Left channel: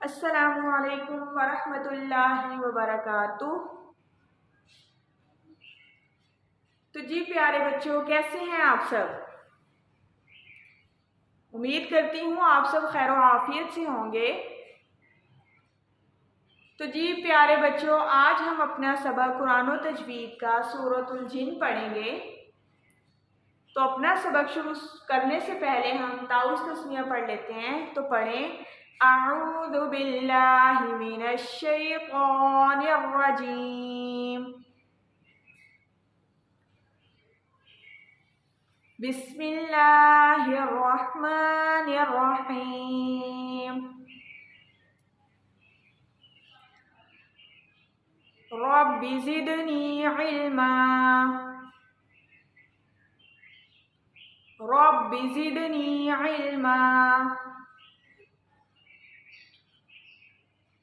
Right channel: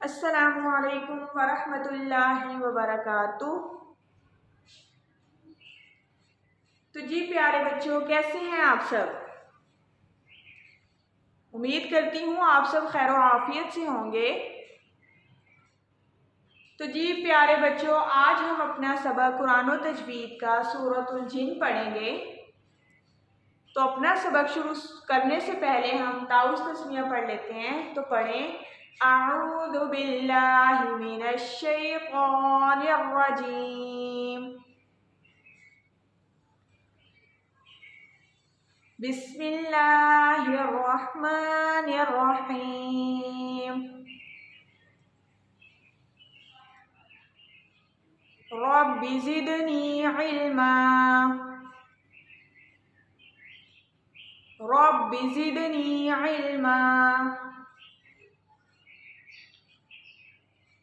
अस्सलामुअलैकुम वरहमतुल्लाहि वबरकातुह। तो जी प्यारे बच्चों, कैसे हैं आप सब? उम्मीद करती हूँ आप सब खैर आफियत से होंगे। तो जी प्यारे बच्चों, आज हम अपना सबक कुरान व तजवीद का सूरतुल जिन पढ़ेंगे। तो अपना सबक शुरू करने से पहले हम ताउस तस्मिया पढ़ लेते हैं। तो पढ़ें, अऊज़ु बिल्लाहि मिनश शैतानिर रजीम, बिस्मिल्लाहिर रहमानिर रहीम, रब्बि ज़िदनी इल्मा, रब्बि ज़िदनी इल्मा,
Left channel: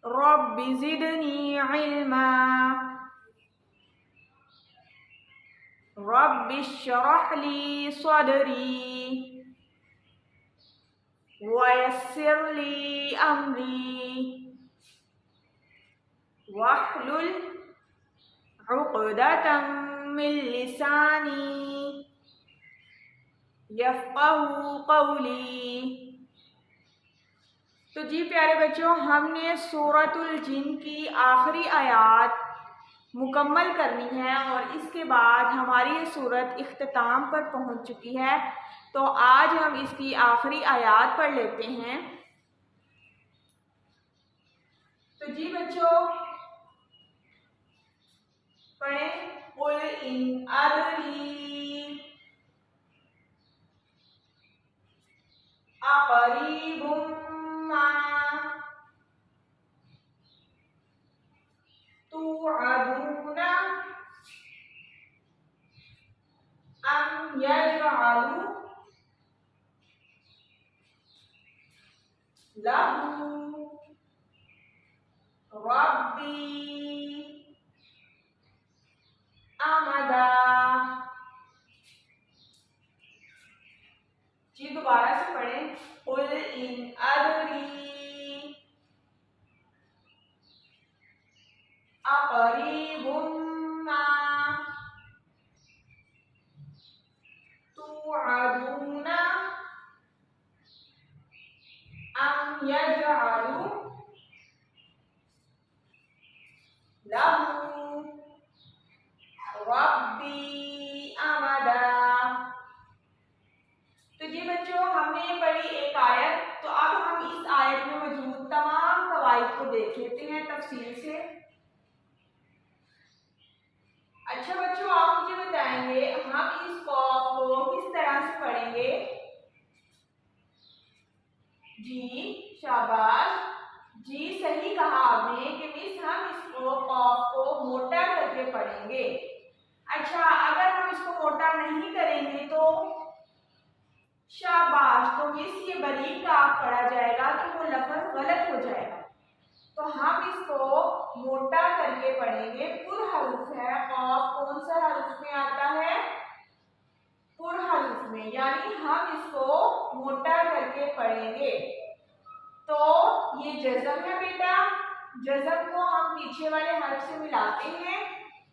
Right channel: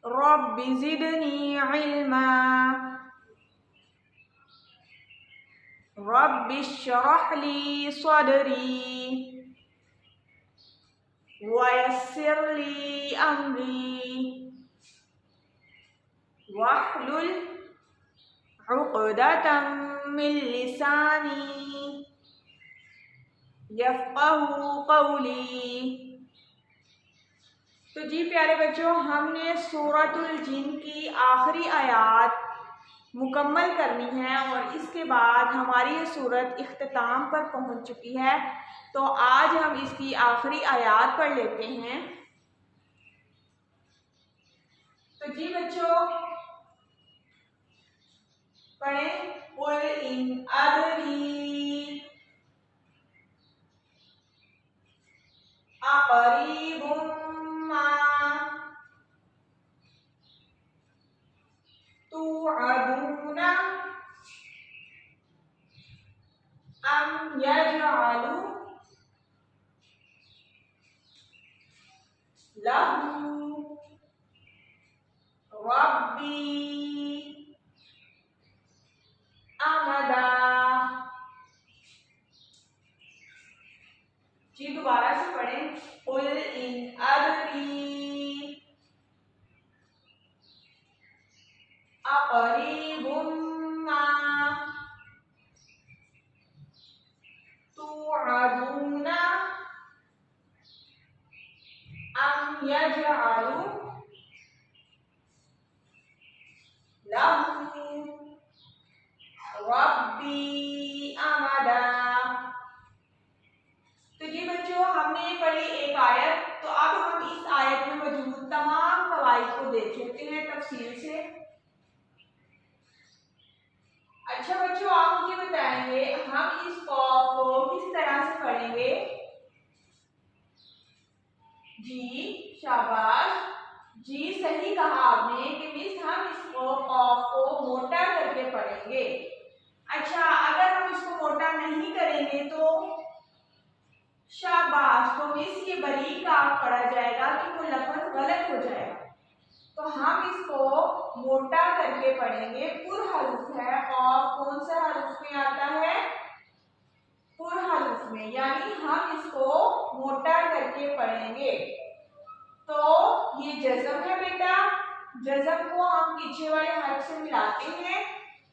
रब्बि ज़िदनी इल्मा, रब्बि इश्रह ली सदरी वयस्सिर ली अमरी वहलुल उक़दतम मिन लिसानी यफ़क़हू क़ौली। तो जी प्यारे बच्चों, हमने सूरतुल जिन की आखिरी आयत मुकम्मल करनी है और इसके बाद हमारी ये सूरत इख्तिताम पर पहुंच चुकी है। तो आज हम इसकी आखिरी आयत पढ़ लेते हैं। तो जी बच्चों पढ़ें, कुल इन अदरी अक़रीबुम मा तुअदूना अम यजअलु लहू रब्बी अमदा। जी दोबारा से पढ़ें, कुल इन अदरी अक़रीबुम मा तुअदूना अम यजअलु लहू रब्बी अमदा। तो जी बच्चों, हमने पढ़ी एक आयत। तो अब हम इस आयत में मौजूद तमाम कवाइद को देख लेते हैं तफसील से। अच्छा बच्चों, आप मुझे बताएंगे हम इस कॉफ को किस तरह से पढ़ेंगे? जी शाबाश, जी सही कहा आपने कि मिस हम इसको कॉफ को मोटा करके पढ़ेंगे। अच्छा, अगर हम इसको मोटा नहीं करेंगे तो शाबाश, तो मिस ये बारीक काफ पढ़ा जाएगा तो वो लफ्ज गलत हो जाएगा। तो हम इसको मोटा करके पढ़ेंगे। पुर हरूफ है, कॉफ कौन सा हरूफ में आता है? पुर हरूफ में, यानी हम इसको मोटा करके पढ़ेंगे। तो ये जज़म है बेटा, जज़म को हम पीछे वाले हर्फ से मिलाते हैं।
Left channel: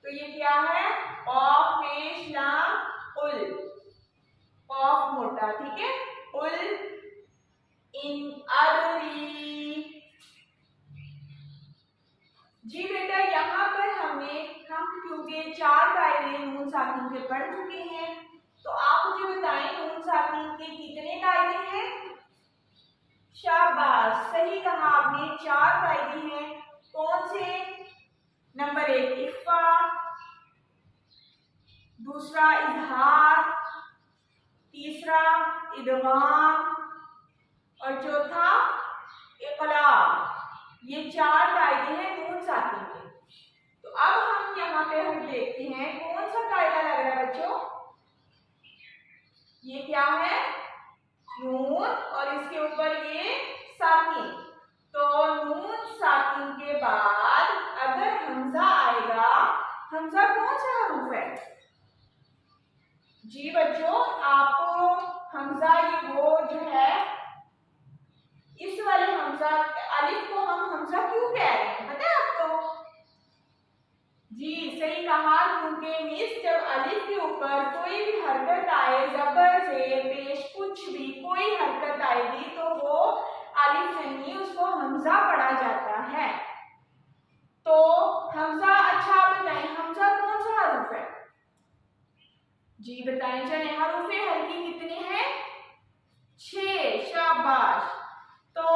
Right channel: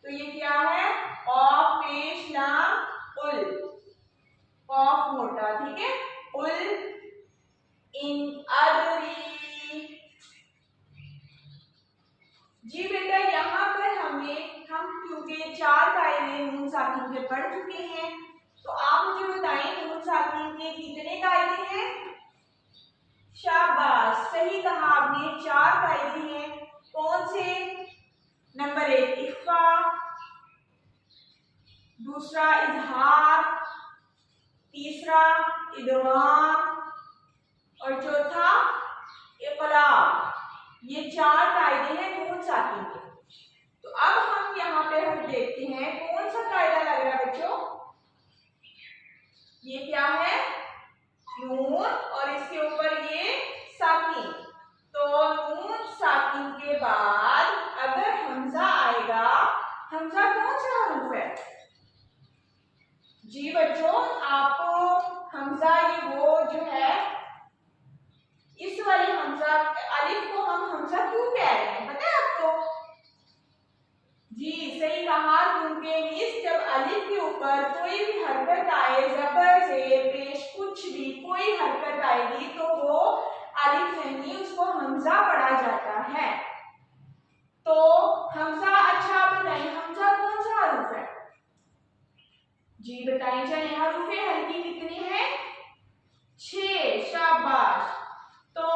तो ये क्या है? कॉफ पेश लाम उल, कॉफ मोटा, ठीक है। उल इन अदरी। जी बेटा, यहाँ पर हम क्योंकि 4 कायदे नून साकिन के पढ़ चुके हैं, तो आप मुझे बताएं नून साकिन के कितने कायदे हैं? शाबाश, सही कहा आपने, 4 कायदे हैं। कौन से? नंबर 1 इख्फा, दूसरा इजहार, तीसरा इदगाम और चौथा इक़लाब। ये 4 कायदे हैं नून साकिन के। तो अब हम यहाँ पे हम देखते हैं कौन सा कायदा लग रहा है बच्चों। ये क्या है? नून और इसके ऊपर ये साकिन। तो नून साकिन के बाद अगर हमजा आएगा, हमजा कौन सा हरूफ है? जी बच्चों, आपको हमजा ये वो जो है इस वाले हमजा अलिफ को हम इजहार गुण के मीन्स जब अलिफ के ऊपर कोई भी हरकत आए, जबर से पेश कुछ भी कोई हरकत आएगी तो वो अलिफ नहीं उसको हमजा पढ़ा जाता है। तो हमजा, अच्छा बताइए हमजा कौन सा हरूफ है? जी बताएं चाहे हरूफे हल्की कितनी है? 6। शाबाश। तो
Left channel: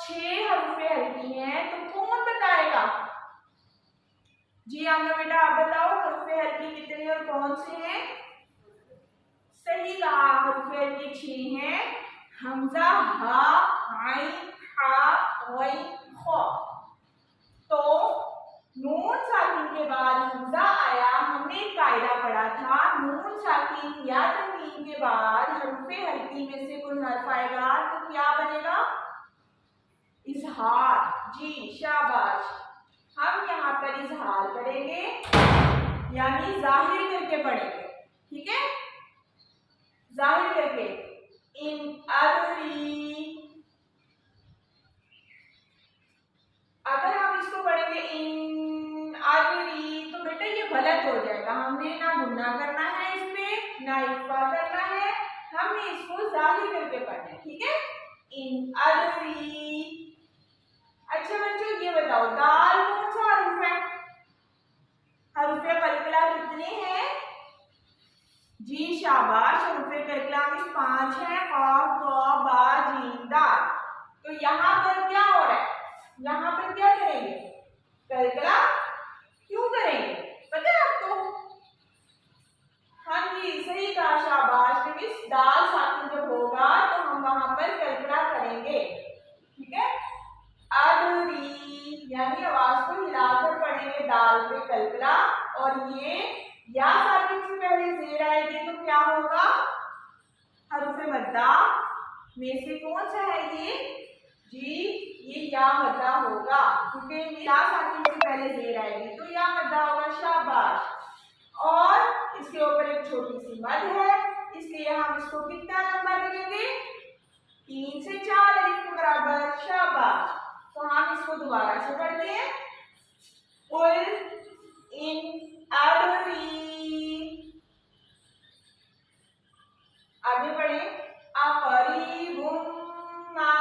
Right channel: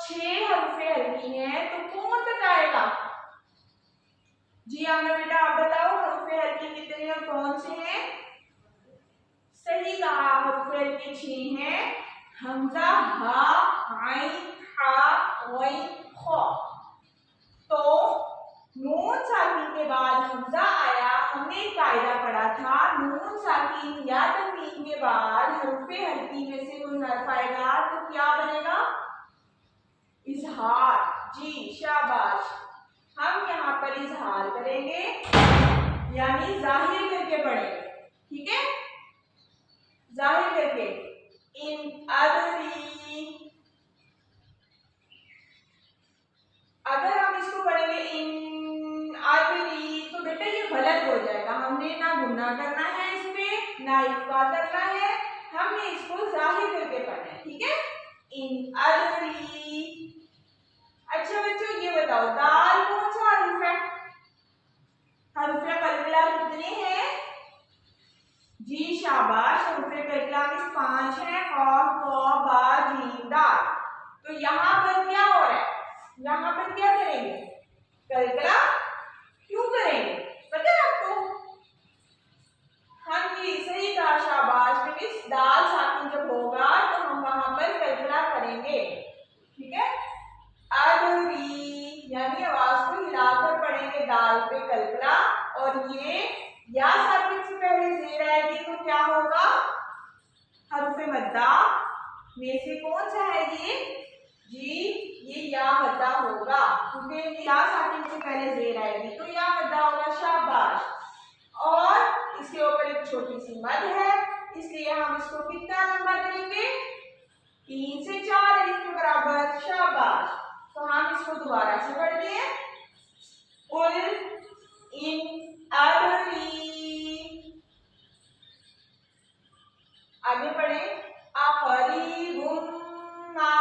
6 हरूफे हल्की हैं, तो कौन बताएगा? जी आमना बेटा आप बताओ हरूफे हल्की कितनी और कौन से हैं? सही कहा, हरूफे हल्की 6 हैं। हमजा, हा, आइन, हा, गैन, खा। तो नून साकिन के बाद हमजा आया, हमने एक कायदा पढ़ा था नून साकिन या तनवीन के बाद हरूफे हल्की में से कोई हर्फ आएगा तो क्या बनेगा? इजहार। जी शाबाश। हम यहाँ पर इजहार करेंगे यानी जाहिर करके पढ़ेंगे, ठीक है? जाहिर करके इन अदरी, अगर हम इसको पढ़ेंगे इन अदरी तो बेटा ये गलत हो जाएगा। हमने ना गुन्ना करना है इसमें ना इक्फा करना है, हमने इसको जाहिर करके पढ़ना है, ठीक है? इन अदरी। अच्छा बच्चों ये बताओ दाल कौन सा हर्फ है? हर्फे कलकला कितने हैं? जी शाबाश, हर्फे कलकला में 5 है, कॉफ, कॉ, बा, जीम, दाल। तो यहाँ पर क्या हो रहा है? यहाँ पर क्या करेंगे? कलकला क्यों करेंगे पता है आपको? हाँ जी सही कहा, शाबाश। क्योंकि दाल साकिन जब होगा तो हम वहां पर कलकला करेंगे, ठीक है? अदरी यानी आवाज को हिलाकर पढ़ेंगे दाल पे कलकला, और ये या साकिन से पहले जेर आएगी तो क्या होगा? हरुफे मद्दा में से कौन सा है ये? जी ये या मद्दा होगा, क्योंकि या साकिन से पहले जेर आएगी तो या मद्दा होगा। शाबाश। और इसके ऊपर एक छोटी सी मद है, इसलिए हम इसको कितना लंबा करेंगे? 3 से 4 अलिफ के बराबर। शाबाश। तो हम इसको दोबारा से पढ़ते हैं। उल इन अदरी, आगे पढ़े अकरीबुन मा।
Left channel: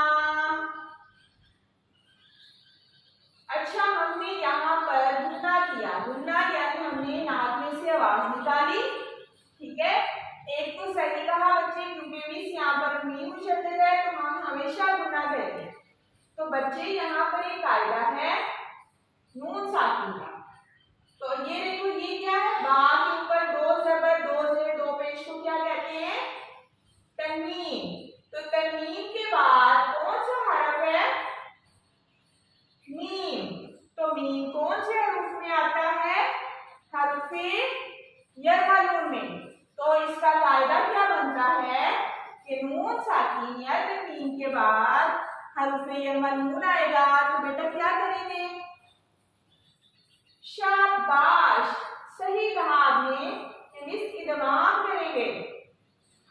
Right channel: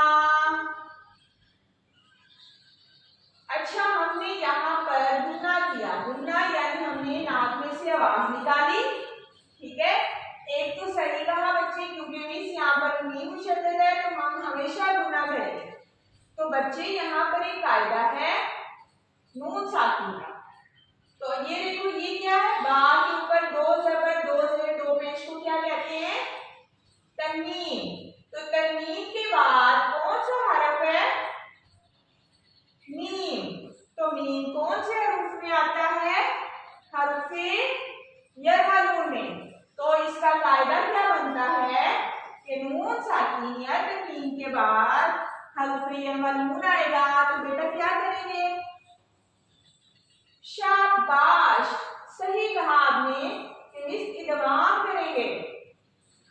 अच्छा हमने यहाँ पर गुन्ना किया, गुन्ना यानी हमने नाक में से आवाज निकाली, ठीक है? एक तो सही कहा बच्चे, क्योंकि मीन्स यहाँ पर मीम मुशद्दद है तो हम हमेशा गुन्ना करेंगे। तो बच्चे यहाँ पर एक कायदा है नून साकिन का। तो ये देखो ये क्या है? बा के ऊपर 2 जबर 2 जेर 2 पेश को क्या कहते हैं? तन्वीन। तो तन्वीन के बाद कौन सा हरफ है? मीम। तो मीम कौन से हरूफ में आता है? हरूफे यरमलून में। तो इसका कायदा क्या बनता है कि नून साकिन या तन्वीन के बाद हरूफे यरमलून आएगा तो बेटा क्या करेंगे? शाबाश, सही कहा आपने कि इस इदगाम करेंगे।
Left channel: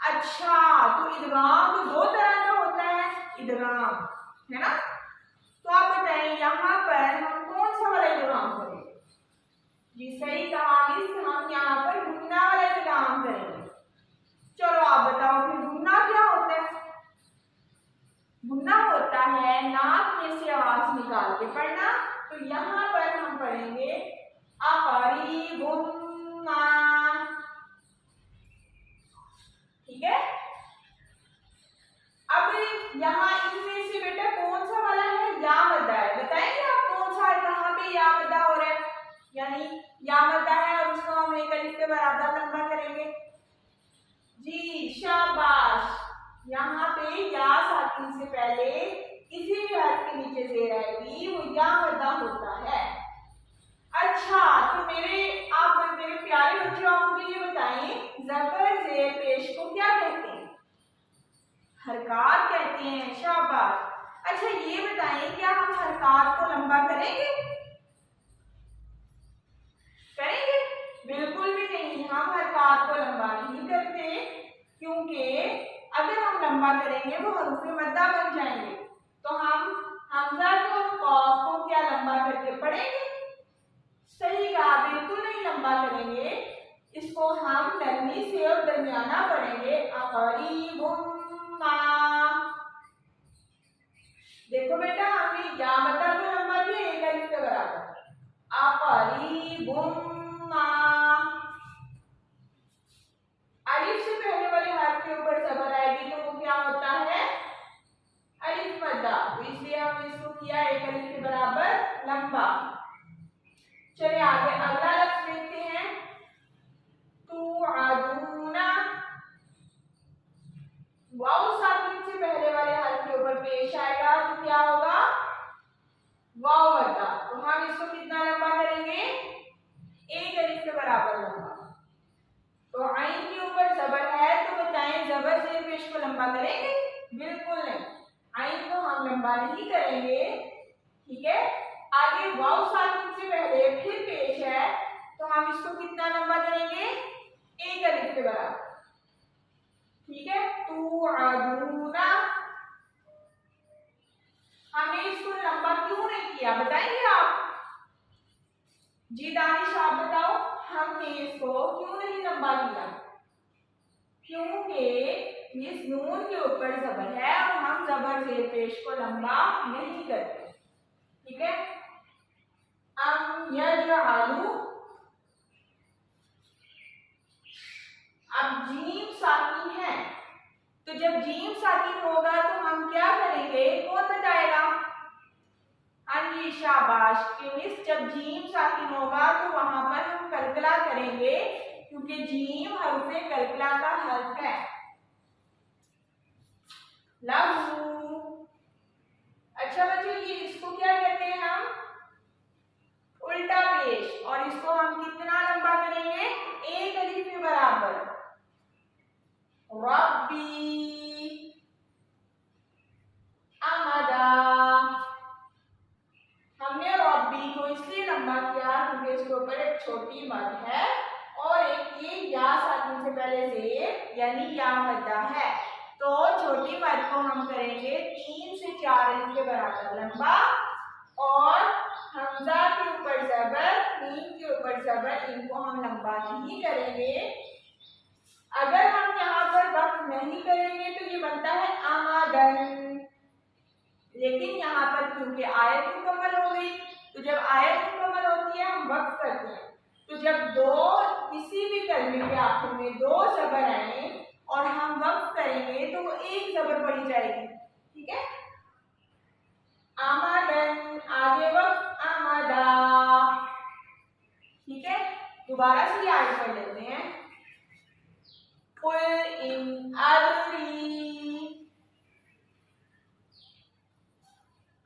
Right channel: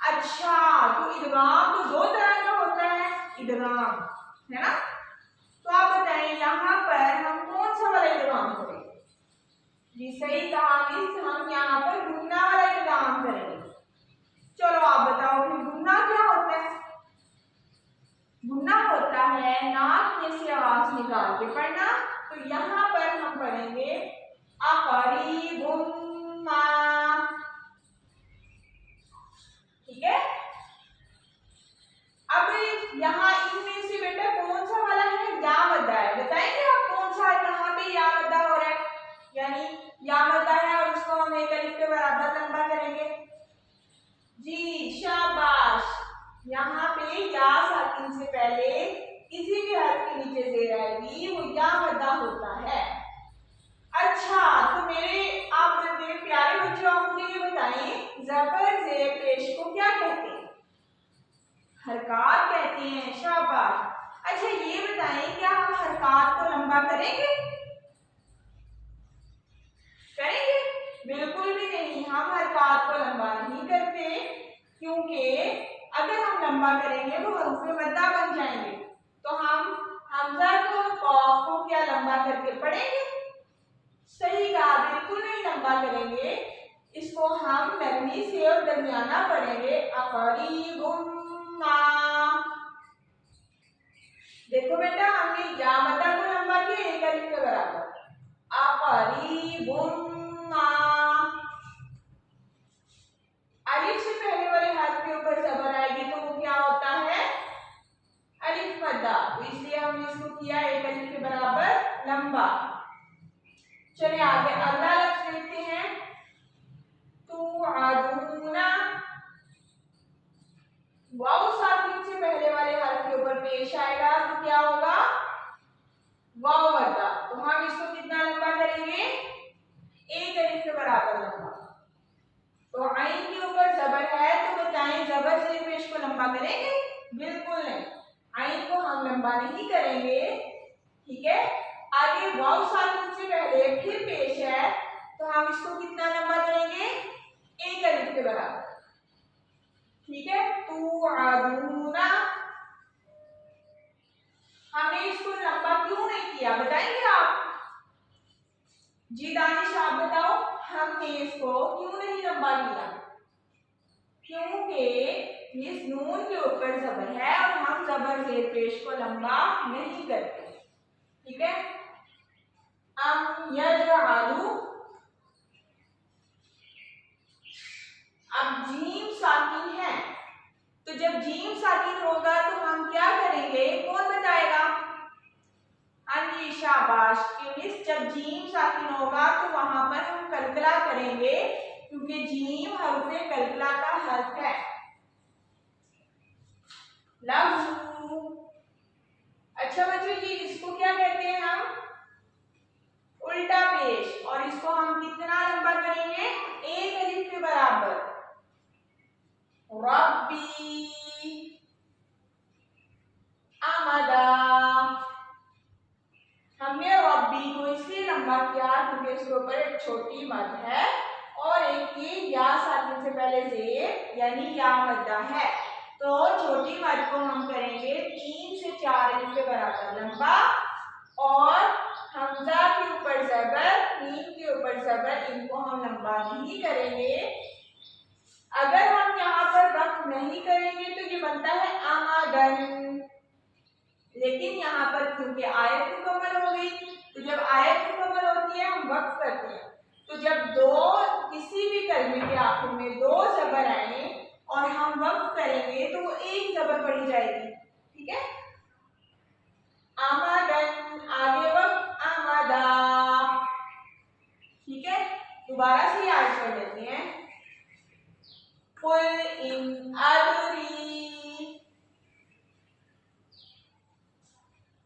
अच्छा तो इदगाम तो 2 तरह का होता है, इदगाम है ना? तो आप बताएं यहाँ पर हम कौन सा वाला इदगाम करेंगे? जी सही कहा मिस, हम यहाँ पर गुन्ना वाला इदगाम करेंगे। चलो आप बताओ फिर गुन्ना क्या होता है? गुन्ना होता है नाक में से आवाज निकाल के पढ़ना। तो यहाँ पर हम पढ़ेंगे अकरीबुन मा, ठीक है? अब यहाँ इनमें से बेटा कौन सा वाला है? या मद्दा है। बताएंगे आप कौन सा है, कहाँ पे या मद्दा हो रहा है? यानी या मद्दा है और उसको हम एक अलिफ के बराबर लंबा करेंगे। जी शाबाश। यहाँ पे या साकिन से पहले किसी भी हर्फ के नीचे जेर आएगी वो या मद्दा होता है। अच्छा तो मेरे प्यारे बच्चों आप मुझे ये बताएं जबर जेर पेश को क्या कहते हैं? हरकात कहते हैं। शाबाश। अच्छा ये बताएं क्या हम हरकात को लंबा करेंगे? करेंगे? बिल्कुल भी नहीं, हम हरकात को लंबा नहीं करते, क्योंकि अगर हम लंबा करेंगे वो हरूफे मद्दा बन जाएंगे। तो हम हमजा को कॉफ को क्या लंबा करके पढ़ेंगे? सही कहा, बिल्कुल नहीं लंबा लंबा करेंगे, इसको हम नरमी से और दरमियाना पढ़ेंगे। अकरीबुम्मा। देखो बेटा, हमने या मद्दा को लंबा किया एक अलिफ के बराबर। अकरीबुम्मा। अलिफ से पहले वाले हर्फ के ऊपर जबर आएगी तो वो क्या होता है? अलिफ मद्दा। तो इसलिए हमने इसको किया एक अलिफ के बराबर लंबा। चलिए आगे अगला लफ्ज देखते हैं। तुअदूना। वाव साकिन से पहले वाले हर्फ के ऊपर पेश आएगा तो क्या होगा? वाव मद्दा। तो हम इसको कितना लंबा करेंगे? एक अलिफ के बराबर लंबा। तो आइन के ऊपर जबर है तो बताएं जबर से पेश को लंबा करेंगे? बिल्कुल नहीं, आइन को हम लंबा नहीं करेंगे। ठीक है, आगे वाव साकिन से पहले फिर पेश है तो हम इसको कितना लंबा करेंगे? एक अलिफ के बराबर। ठीक है, तुअदूना। हमने इसको लंबा क्यों नहीं किया बताएंगे आप? जी दानिश आप बताओ, हमने इसको क्यों नहीं लंबा किया? क्योंकि इस नून के ऊपर जबर है और हम जबर जेर पेश को लंबा नहीं करते। ठीक है, यजअलू। अब जीम साकिन है तो जब जीम साकिन होगा तो हम क्या करेंगे? कौन बताएगा? हाँ जी शाबाश। जब जीम साकिन होगा तो वहां पर हम कलकला करेंगे क्योंकि जीम हर्फ कलकला का हर्फ है। लहू। अच्छा बच्चों, ये इसको क्या कहते हैं? हम उल्टा पेश। और इसको हम कितना लंबा करेंगे? एक अलिफ के बराबर। रब्बी अमदा। हमने रब्बी को इसलिए लंबा किया क्योंकि इसके ऊपर एक छोटी मद है और एक ये या साकिन से पहले जेर यानी या मद्दा है। तो छोटी मद को हम करेंगे 3 से 4 अलिफ के बराबर लंबा और हमजा के ऊपर जबर, मीम के ऊपर जबर, इनको हम लंबा नहीं करेंगे। अगर हम यहाँ पर वक्त नहीं करेंगे तो ये बनता है आमादन। लेकिन यहाँ पर क्योंकि आयत मुकम्मल हो गई तो जब आयत मुकम्मल होती है हम वक्त करते हैं। तो जब किसी भी कलमे के आखिर में 2 जबर आए और हम वक्त करेंगे तो वो एक जबर पड़ी जाएगी। ठीक है, आमादन, आगे वक्त आमादा। ठीक है, दोबारा से याद कर लेते हैं। कुल इन अदरी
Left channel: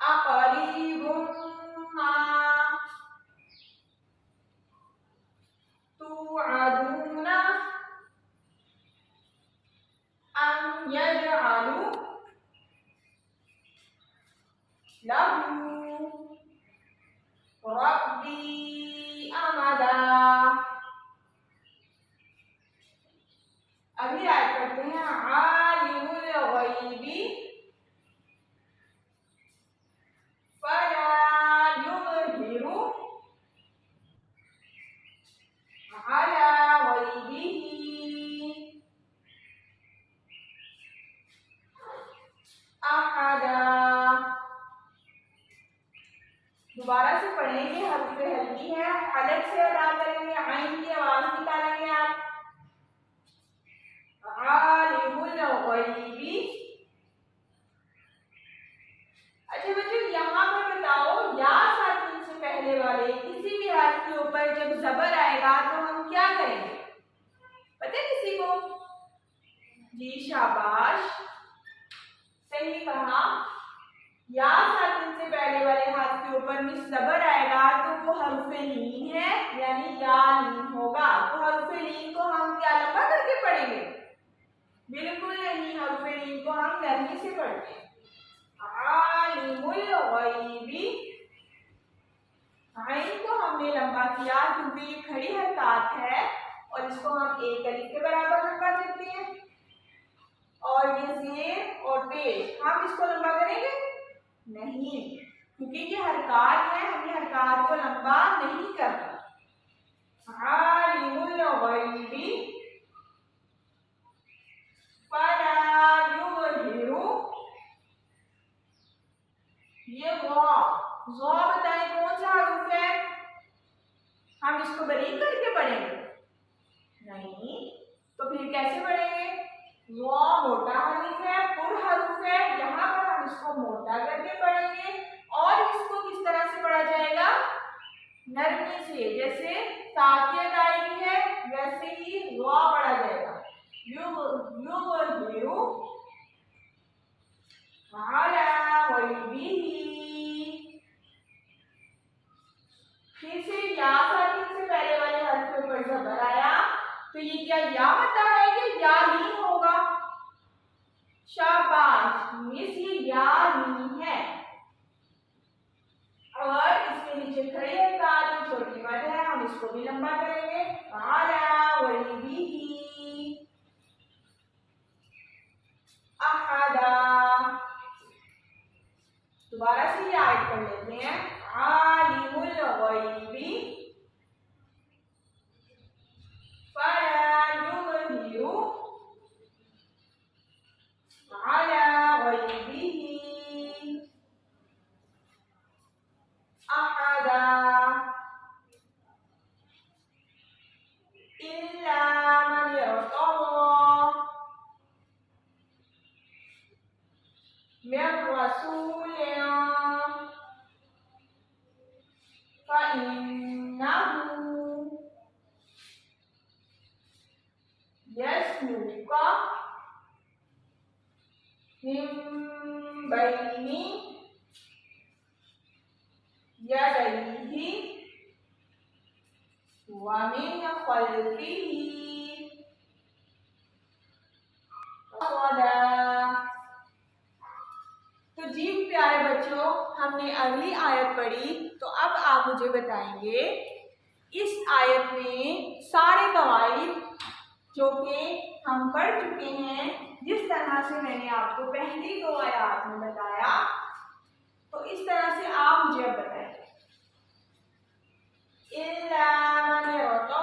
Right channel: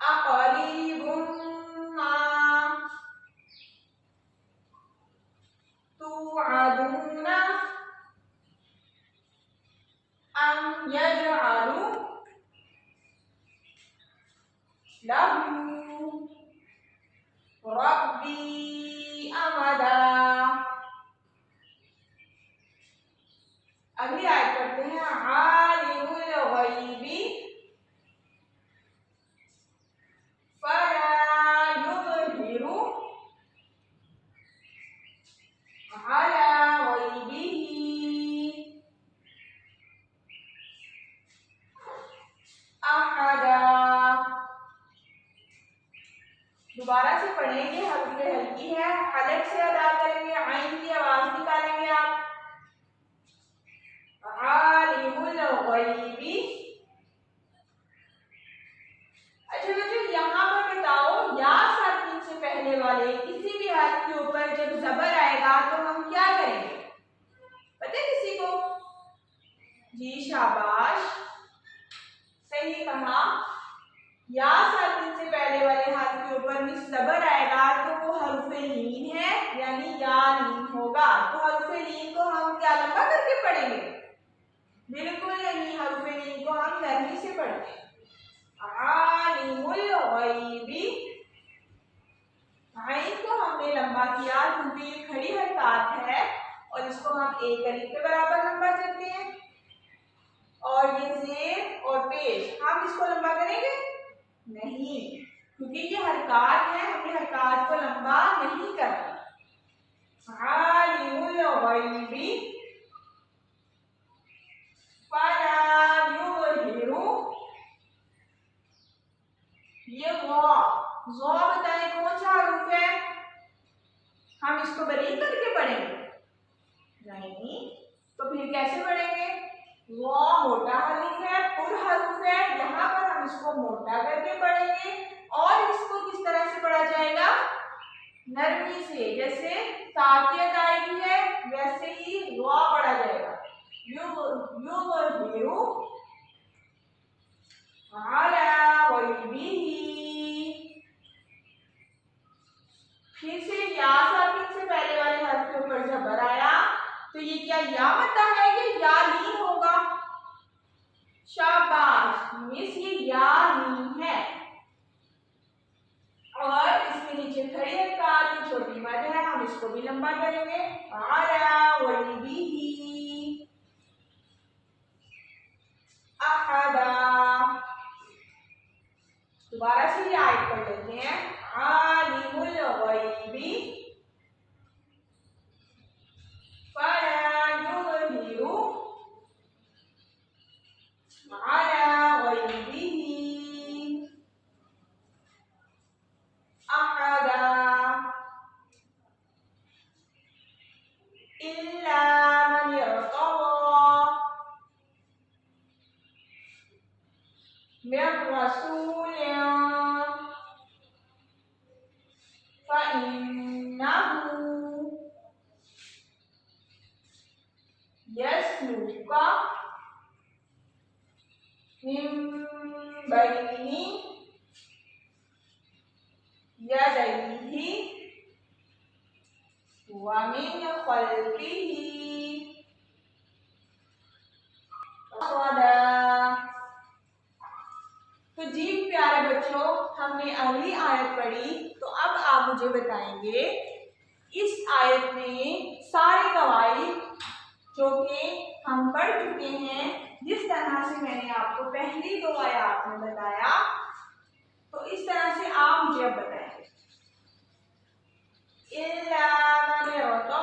अक़रीबुम्मा तुअदूना अम यजअलू लहू रब्बी अमदा। अगली आयत करते हैं। आलिमुल गैबी फला युज़हिरु अला गैबिही अहदा। दोबारा से पढ़ेंगे, हल्के हल्की है, हलक से अदा करेंगे, आइन की आवाज निकालेंगे आप। आलिमुल गैबी। अच्छा बच्चों, यहाँ पर बताओ या साकिन से पहले वाले किसी भी हर्फ के ऊपर जब जबर आएगा तो हम क्या करेंगे? पता है किसी को? जी शाबाश, सही कहा। या साकिन से पहले वाले हर्फ के ऊपर जबर आएगा तो वो हर्फ लीन है यानी या लीन होगा। तो हर्फ लीन को हम क्या लंबा करके पढ़ेंगे? बिल्कुल नहीं, हर्फ लीन को हम नरमी से पढ़ते हैं। आलिमुल गैबी। आइन को हमने लंबा किया क्योंकि ये खड़ी हरकत है और इसको हम एक अलिफ के बराबर लंबा करते हैं। और ये जेर और पेश हम इसको लंबा करेंगे? नहीं, क्योंकि ये हरकत है, हमने हरकत को लंबा नहीं करना। गैबी फला युज़हिरु। ये ज़ौ बताएं कौन सा हरूफ है? हम इसको बारीक करके पढ़ेंगे? नहीं, तो फिर कैसे पढ़ेंगे? ज़ौ मोटा हरूफ है, पुर हरूफ है, यहाँ पर हम इसको मोटा करके पढ़ेंगे और इसको किस तरह से पढ़ा जाएगा? नरमी से, जैसे ताकियत आएगी है वैसे ही ज़ौ पढ़ा जाएगा। युज़हिरु अला गैबिही। फिर से या साकिन से पहले वाले हर्फ के ऊपर ज़बर आया, तो ये क्या या मद्दा है या लीन होगा? शाबाश मिस, ये या लीन है और इसके नीचे खड़ी है का जो छोटी मद है, हम इसको भी लंबा करेंगे। अला गैबिही अहदा। दोबारा से ये आयत पढ़ लेते हैं। आलिमुल गैबी फला युज़हिरु अला गैबिही अहदा इल्ला मन इर्तज़ा मिर रसूलिन फइन्नहु यस्लुका मिन बैनि यदैहि व मिन खल्फिही रसदा। तो जी प्यारे बच्चों, हमने अगली आयत पढ़ी, तो अब आप मुझे बताएंगे इस आयत में सारे कवाइद जो कि हम पढ़ चुके हैं, जिस तरह से मैंने आपको पहली 2 आयत में बताया, तो इस तरह से आप मुझे अब बताएंगे। इल्ला मन इर्तज़ा।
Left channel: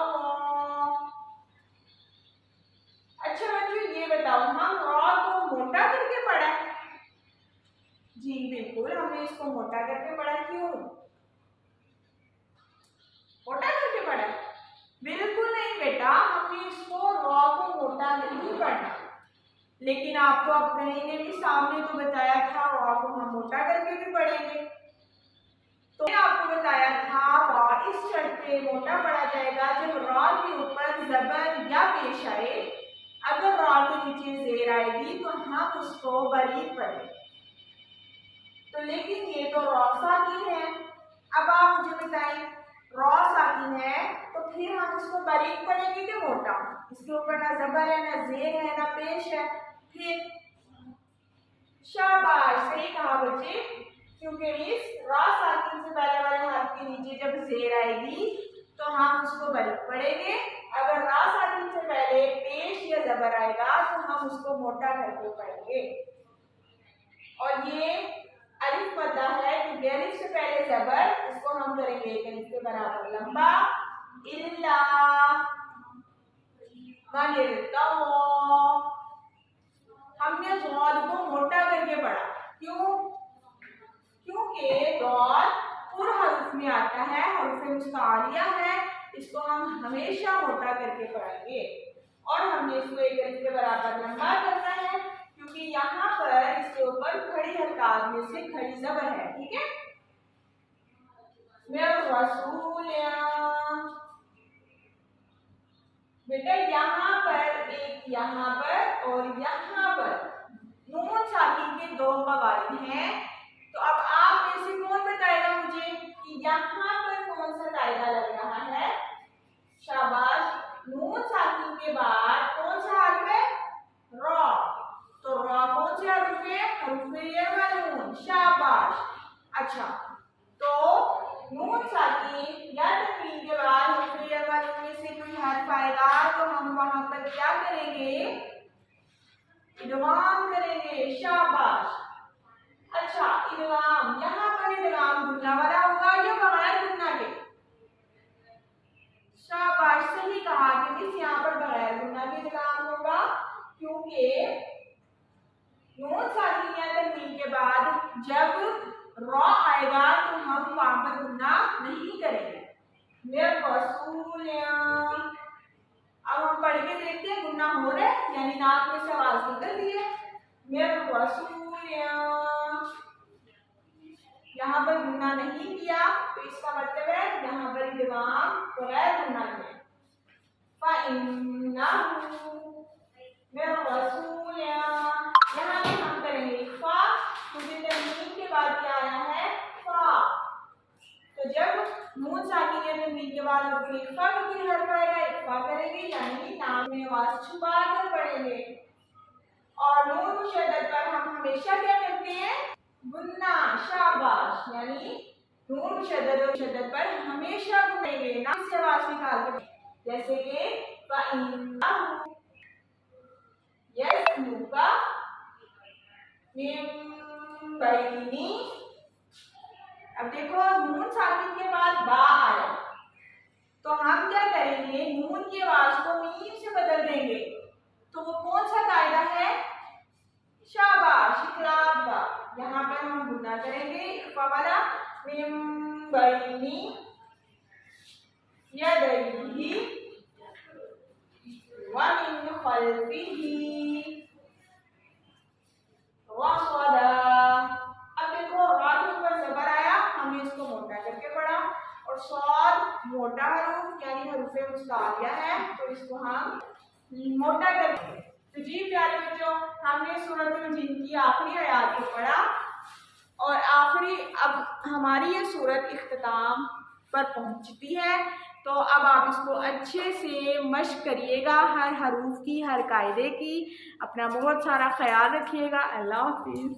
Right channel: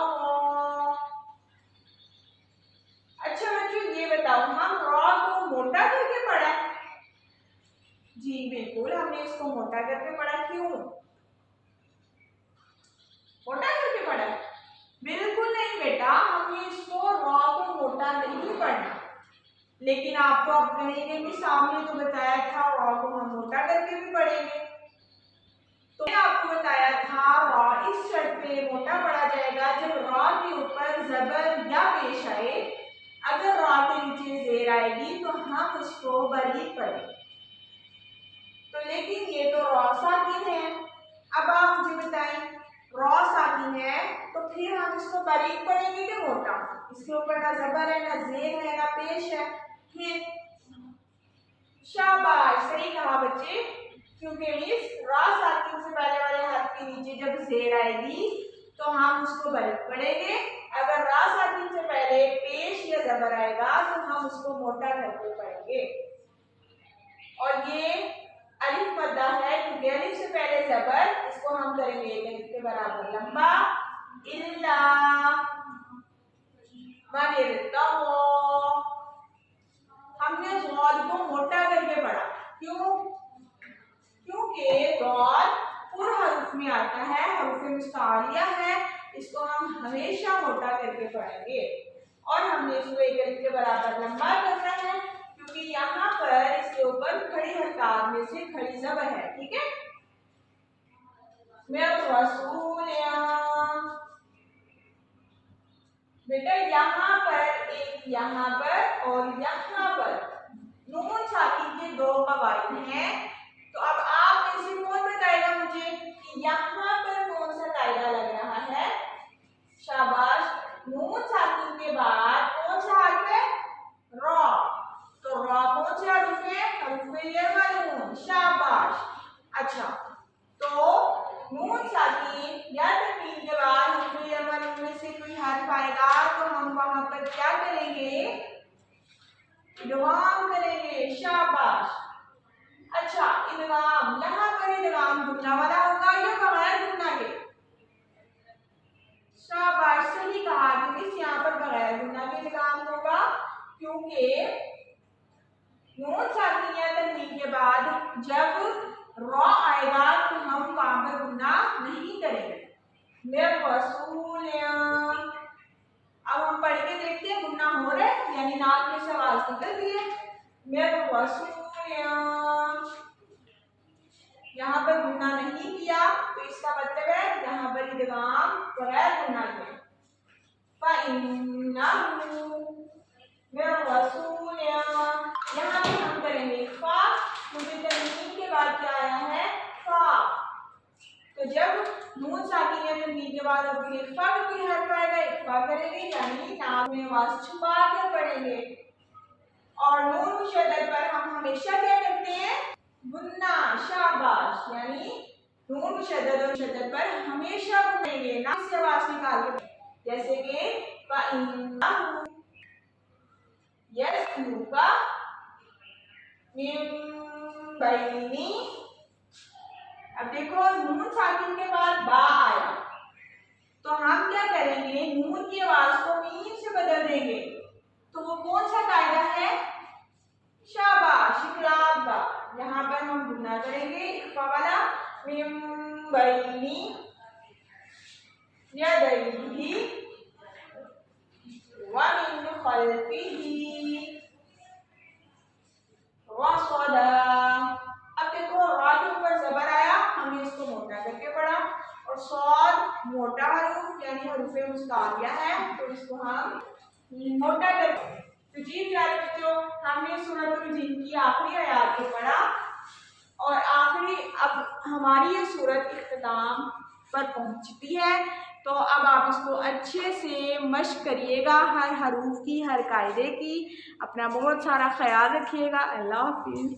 अच्छा बच्चों ये बताओ, हम रॉ को मोटा करके पढ़ा है? जी बिल्कुल, हमने इसको मोटा करके पढ़ा। क्यों मोटा करके पढ़ा? बिल्कुल नहीं बेटा, हमने इसको रॉ को मोटा नहीं पढ़ना, लेकिन आपको अब कहेंगे कि सामने तो बताया था रॉ को हम मोटा करके भी पढ़ेंगे। तो मैंने आपको बताया था रॉ इस शर्त पे मोटा पढ़ा जाएगा जब रॉ के ऊपर ज़बर या पेश आए। अगर रॉ के नीचे ज़ेर आएगी तो हम उसको बारीक पढ़ेंगे। तो लेकिन ये तो रॉ साकिन है। अब आप मुझे बताएं, रॉ साकिन है तो फिर हम इसको बारीक पढ़ेंगे कि मोटा? इसके ऊपर ना ज़बर है, ना ज़ेर है, ना पेश है। फिर शाबाश, सही कहा बच्चे, क्योंकि इस रॉ साकिन से पहले वाले हर्फ के नीचे जब ज़ेर आएगी तो हम उसको बारीक पढ़ेंगे। अगर रॉ साकिन से पहले पेश या ज़बर आएगा तो हम उसको मोटा करके पढ़ेंगे। और ये अलिफ मद्दा है क्योंकि अलिफ से पहले ज़बर, इसको हम करेंगे एक अलिफ के बराबर लंबा। इल्ला मन इर्तज़ा। हमने ज़ाद को मोटा करके पढ़ा। क्यों? क्योंकि ज़ाद पुर हरूफ में आता है, हरूफ मुस्तालिया है, इसको हम हमेशा मोटा करके पढ़ेंगे। और हमने इसको एक अलिफ के बराबर लंबा करना है क्योंकि यहाँ पर इसके ऊपर खड़ी हरकत में से खड़ी ज़बर है। ठीक है, मिर रसूलिन। बेटा यहाँ पर एक, यहाँ पर और यहाँ पर नून साकिन के 2 कवाइद हैं। तो अब आप में से कौन बताएगा मुझे कि यहाँ पर कौन सा कायदा लग रहा है? शाबाश, नून साकिन के बाद कौन सा हर्फ है? रॉ। तो रॉ कौन सा हर्फ है? हर्फ ये। शाबाश। अच्छा, तो नून साकिन या तनवीन के बाद हर्फ में से कोई हर्फ आएगा तो हम वहां पर क्या करेंगे? इदगाम करेंगे। शाबाश। अच्छा, इदगाम, यहाँ पर इदगाम गुन्ना वाला होगा या बगैर गुन्ना के? शाबाश, सही कहा कि क्योंकि नून साकिन तनवीन के बाद जब रॉ आएगा तो हम वहां पर गुन्ना नहीं करेंगे। अब हम पढ़ के देखते हैं गुन्ना हो रहा है, यानी नाक में से आवाज निकल रही है। यहाँ पर गुन्ना नहीं किया तो इसका मतलब है यहाँ पर इदगाम बगैर गुन्ना किए। यहाँ पे हम करेंगे इख्फा, क्योंकि तनवीन के बाद क्या आया है फा। तो जब नून साकिन या तनवीन के बाद और फिर इख्फा का कोई हर्फ आएगा, इख्फा करेंगे यानी नाक में आवाज छुपा कर पढ़ेंगे। और नून मुशद्दद पर हम हमेशा क्या करते हैं गुन्ना, शाबाश, यानी नून मुशद्दद और मुशद्दद पर हमेशा गुन्नेंगे, ना से आवाज निकाल के, जैसे कि अब देखो नून साकिन के बाद बा आया तो हम क्या करेंगे, नून की आवाज को मीम से बदल देंगे। तो वो कौन सा कायदा है, शाबाश, इकलाब बा। यहाँ पर हम गुन्ना करेंगे इख्फा वाला, मिन बैनी यदैहि व मिन खल्फिही रसदा। अब देखो रा के ऊपर जबर आया, हमने इसको मोटा करके पढ़ा, और स्वाद मोटा हरूफ यानी हरूफे मुस्तालिया है तो इसको हम मोटा करके। तो जी प्यारे बच्चों, हमने सूरतुल जिन की आखिरी आयत को पढ़ा और आखिरी अब हमारी ये सूरत इख्तिताम पर पहुंचती है। तो अब आप इसको अच्छे से मश्क करिएगा, हर हरूफ की, हर कायदे की। अपना बहुत सारा ख्याल रखिएगा। अल्लाह हाफिज़।